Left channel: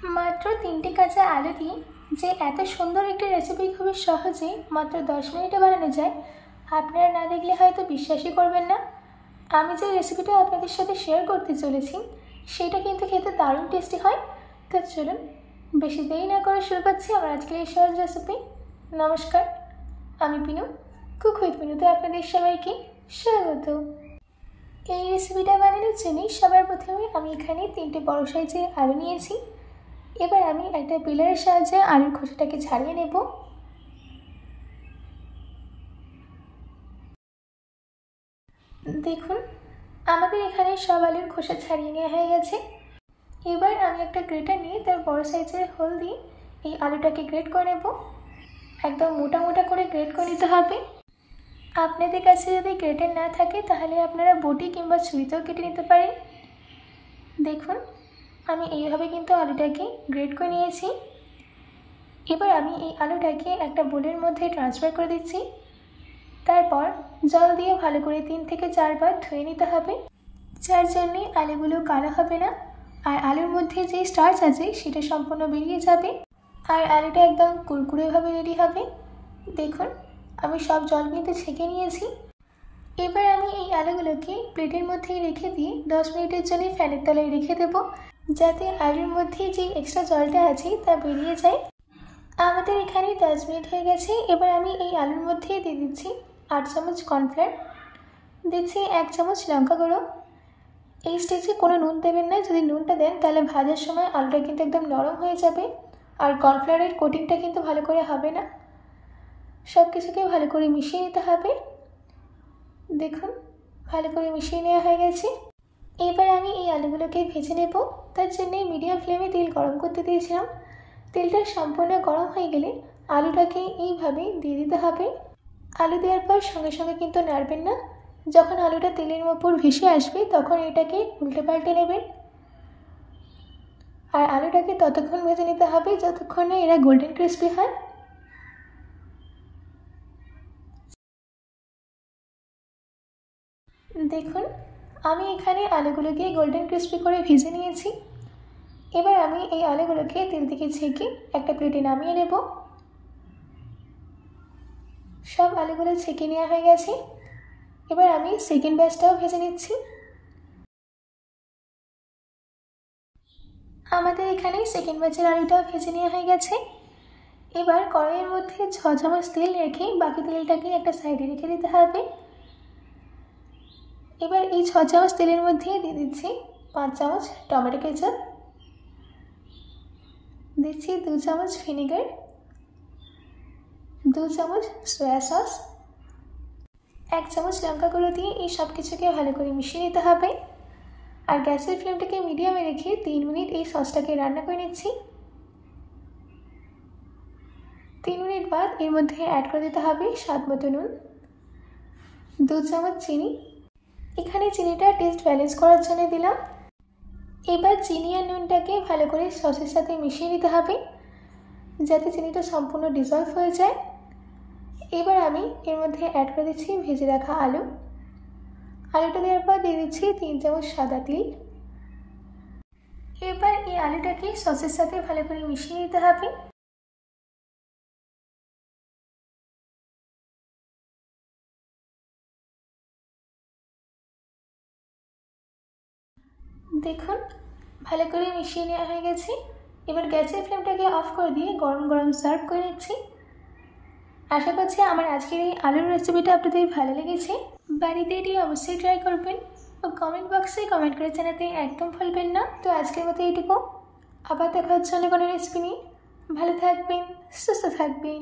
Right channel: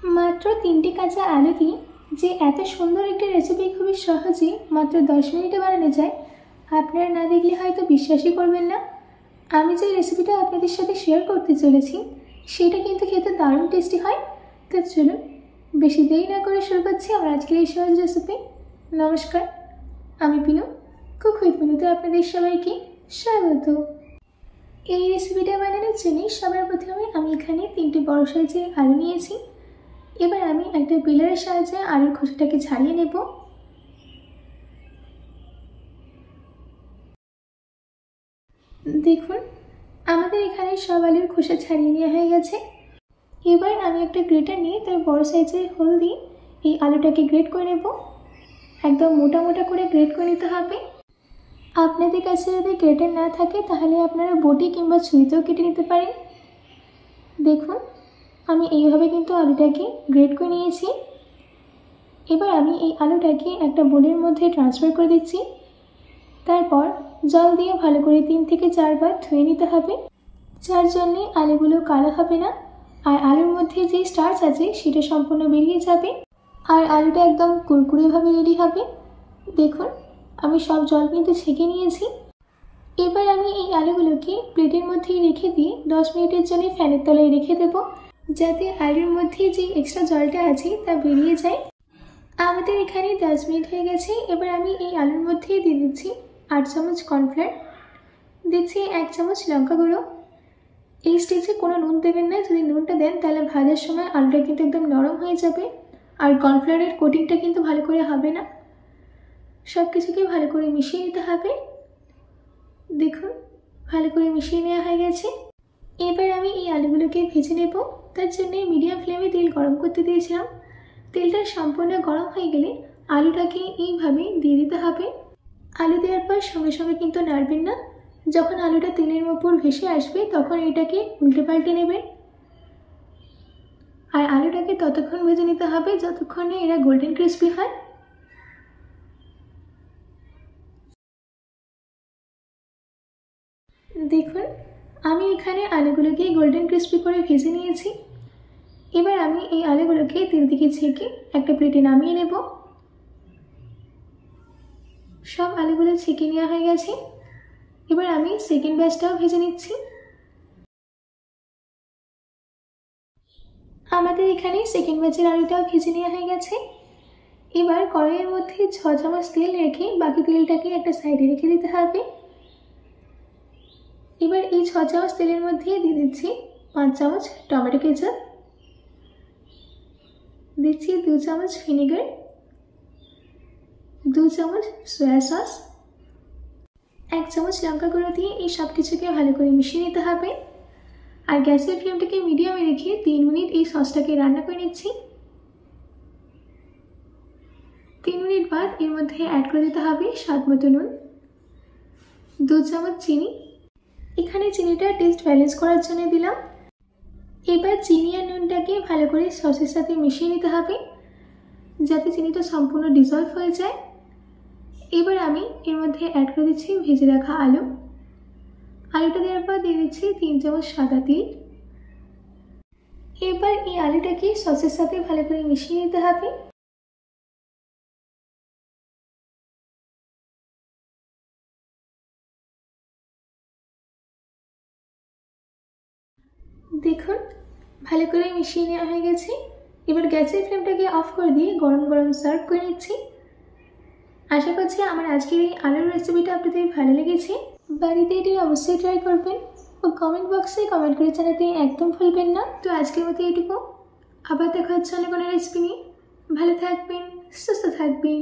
মাত্র 3টে কাঁচা আলু দিয়ে যে এত সুন্দর একটি রেসিপি খুবই সহজে মাত্র 10 মিনিটে বানানো যায়, আপনারা না দেখলে হয়তো বিশ্বাসই করবেন না। আমি যে রেসিপিটা আপনাদের সাথে শেয়ার করতে চলেছি সেটা কিন্তু খেতে দারুণ টেস্টি হয়। তো চলুন বেশি দেরি না করে শুরু করছি আমার আজকের এই সহজ রেসিপি। নমস্কার, আমি পিনু, কুক উইথ পিনুতে আপনাদের সবাইকে স্বাগত। এই রেসিপিটা বানানোর জন্য সবার প্রথমে আমি এখানে 3টে বড় সাইজের আলু নিয়েছি। এবার আমি একটা পিলারের সাহায্যে আলুর খোসাটাকে ছাড়িয়ে নেব। দেখুন আমাদের এখানে সব আলুর খোসা ছাড়িয়ে নেওয়া হয়ে গেছে। এবার আমি একটা গ্রেটার নিয়ে তার বড় সাইজের হোল দিয়ে এই আলুটাকে গ্রেট করে নেব। একদম মোটা মোটা করে গ্রেট করে নিতে হবে। আপনাদের কাছে যদি গ্রেটার না থাকে তাহলে আপনারা বটি কিংবা ছুরিতেও কেটে নিতে পারেন। দেখুন আমি এইভাবে কিন্তু আলুটাকে গ্রেট করে নিয়েছি। এবার আমি এই আলুটাকে একটা বোলের মধ্যে ট্রান্সফার করে দিচ্ছি। তারপর জল দিয়ে ভালো করে 3 থেকে 4 বার ধুয়ে নিতে হবে, যার জন্যে আলুগুলো কালো হবে না আর আলুর মধ্যে যে স্টার্চ আছে সেটা সম্পূর্ণ বেরিয়ে যাবে আর আলুটা একদম কুরকুরেভাবে রেডি হবে। দেখুন আমি সব জল কিন্তু ছেঁকে নিয়েছি। এবার আমি এই আলুগুলোকে প্লেটের মধ্যে রেখে দিয়ে 10 মিনিটের জন্য ফ্যানের তলায় রেখে দেব, যাতে আলুর মধ্যে যে এক্সট্রা জলটা আছে তা বেরিয়ে যায়। আমাদের এখানে 10 মিনিট হয়ে গেছে। এবার আমি এই আলুর মধ্যে দিয়ে দিচ্ছি 8 চামচ কর্নফ্লাওয়ার, দিচ্ছি 1 চামচ লঙ্কা গুঁড়ো। এই স্টেজে কোনো নুন দেবেন না, যদি নুনটা দেন তাহলে ভাজার সময় আলুটা কিন্তু একদম নরম হয়ে যাবে আর কর্নফ্লাওয়ারের কোটিংটা কিন্তু ভালো করে হবে না। সব কিছুকে ভালো করে মিশিয়ে নিতে হবে। দেখুন ভালো করে মিশিয়ে নেওয়া হয়ে গেছে। এবার আমি এই আলুগুলোকে ভেজে নেব। তার জন্য মিডিয়াম ফ্লেমে তেল গরম করতে দিয়েছিলাম। তেলটা সম্পূর্ণ গরম হয়ে গেলে আলুটাকে এইভাবে দিয়ে দিতে হবে। আলু দেওয়ার পর সঙ্গে সঙ্গে কিন্তু নাড়বেন না। যখন আলুটা তেলের উপর ভেসে আসবে তখন এটাকে উল্টে পাল্টে নেবেন আর আলুটাকে ততক্ষণ ভেজে নিতে হবে যতক্ষণ না এরা গোল্ডেন ক্রিস্পি হয়। দেখুন আমি এখানে আলুগুলোকে গোল্ডেন ক্রিস্পি করে ভেজে নিয়েছি। এবার আমি এই আলুগুলোকে তেল থেকে ছেঁকে একটা প্লেটে নামিয়ে নেব। সব আলুগুলো ছেঁকে নেওয়া হয়ে গেছে। এবার আমি সেকেন্ড ব্যাচটাও ভেজে নিচ্ছি। আমাদের এখানে সেকেন্ড ব্যাচের আলুটাও ভেজে নেওয়া হয়ে গেছে। এবার কড়াইয়ের মধ্যে 6 চামচ তেল রেখে বাকি তেলটাকে একটা সাইডে রেখে দিতে হবে। এবার এই 6 চামচ তেলের মধ্যে দিয়ে দিচ্ছি 5 চামচ টমেটো কেচাপ, দিচ্ছি 2 চামচ ভিনেগার, 2 চামচ সয়া সস, 1 চামচ লঙ্কা গুঁড়ো দিয়ে এই সব কিছুকে ভালো করে মিশিয়ে নিতে হবে আর গ্যাসের ফ্লেমটাকে মিডিয়ামে রেখে 3 মিনিট এই সসটাকে রান্না করে নিচ্ছি। 3 মিনিট বাদ এর মধ্যে অ্যাড করে দিতে হবে স্বাদ মতো নুন, 2 চামচ চিনি। এখানে চিনিটা টেস্ট ব্যালেন্স করার জন্য দিলাম। এবার চিনি আর নুনটাকে ভালো করে সসের সাথে মিশিয়ে নিতে হবে যাতে চিনিটা সম্পূর্ণ ডিজলভ হয়ে যায়। এবার আমি এর মধ্যে অ্যাড করে দিচ্ছি ভেজে রাখা আলু। আলুটা দেওয়ার পর দিয়ে দিচ্ছি 3 চামচ সাদা তিল। এবার এই আলুটাকে সসের সাথে ভালো করে মিশিয়ে নিতে হবে। দেখুন ভালো করে মিশিয়ে নেওয়া হয়ে গেছে। এবার গ্যাসের ফ্লেমটাকে অফ করে দিয়ে গরম গরম সার্ভ করে নিচ্ছি। আশা করছি আমার আজকের এই আলুর রেসিপিটা আপনাদের ভালো লেগেছে। বাড়িতে এটি অবশ্যই ট্রাই করবেন ও কমেন্ট বক্সে কমেন্ট করে জানাতে একদম ভুলবেন না। তো আজকের মতো এইটুকু, আবার দেখা হচ্ছে অন্য কোনো রেসিপি নিয়ে। ভালো থাকবেন, সুস্থ থাকবেন।